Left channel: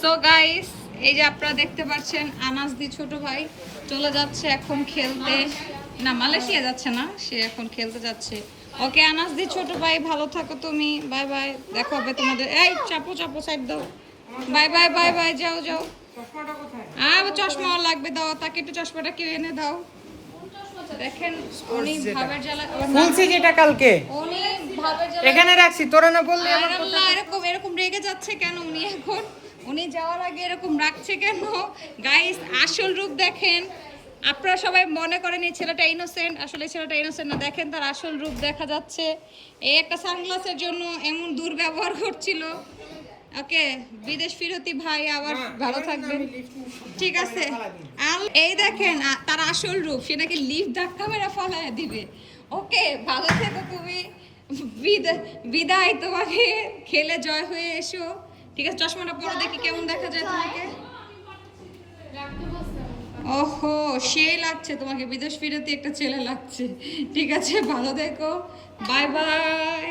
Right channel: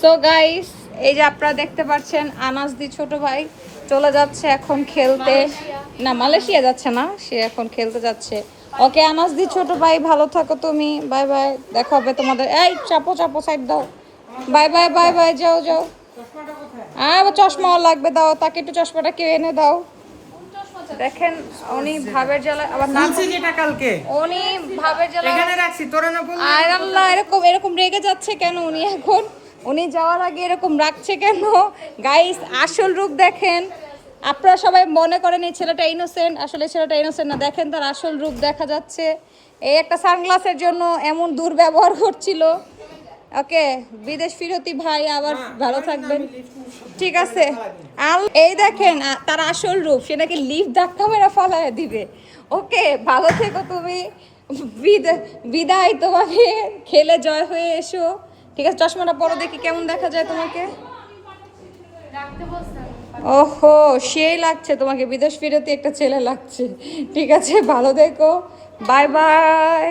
So guys, এই যে আপনারা দেখতে পাচ্ছেন আনাস দি ছোট ভাই চলে যাচ্ছে এখন খেলতে। না, মালয়েশিয়া যাচ্ছে না, সে এখন খেলতে যাচ্ছে। ওকে আনাস দি ছোট ভাই, ভালো থাকো তুমি, বাই বাই, দেখা হবে তোমাদের। এই চাপো চাপো, সাইড দাও, বাই বাই বাই বাই, যাও যাও। চশমা লাগবে, দাও তাকে একটু চশমাটা কেউ এনে দাও। দেখেন উনি ভাবের জ্বালা আবার বলছি যেটা কালকে উনি ভাবের জ্বালা এখানে রাখছি, তোরা না বললি? আর আল্লাহ, এরকম এরকম রেগে যাচ্ছে কেন উনি এখন? উনি যাওয়ার আগে এরকম রাখছে কেন? গাইস, আসল রূপ দেখেন। আপনারা সবাই মনে করেন এই ছেলেটা ইনোসেন্ট, আসলে ছেলেটা ইনোসেন্ট না। দেখেন তার আসল রূপ দেখা যাচ্ছে। এই একটা সানগ্লাসের জন্য এমন দুর্ব্যবহার করছিল। ওকে, বিদেশ ফিরতি ভাই, আবার ভালো থাকবেন, ঠিক আছে? এই দেখেন তার আসল রূপ, সে নাকি লিফট ধাক্কা মেরে ফালায় দিবে। ওকে, ভালো থেকো তুমি, বিদায় তোমাকে, খেলে জয় হয়ে এসো, ঠিক আছে? চশমাটা পরো, দেখি কেমন দেখা যায় তোমাকে। ওহো, সেই লাগছে তোমাকে, বিদেশ ফিরতি একটা ছেলে লাগছে। ঠিক আছে, ভালো থেকো, বাই বাই।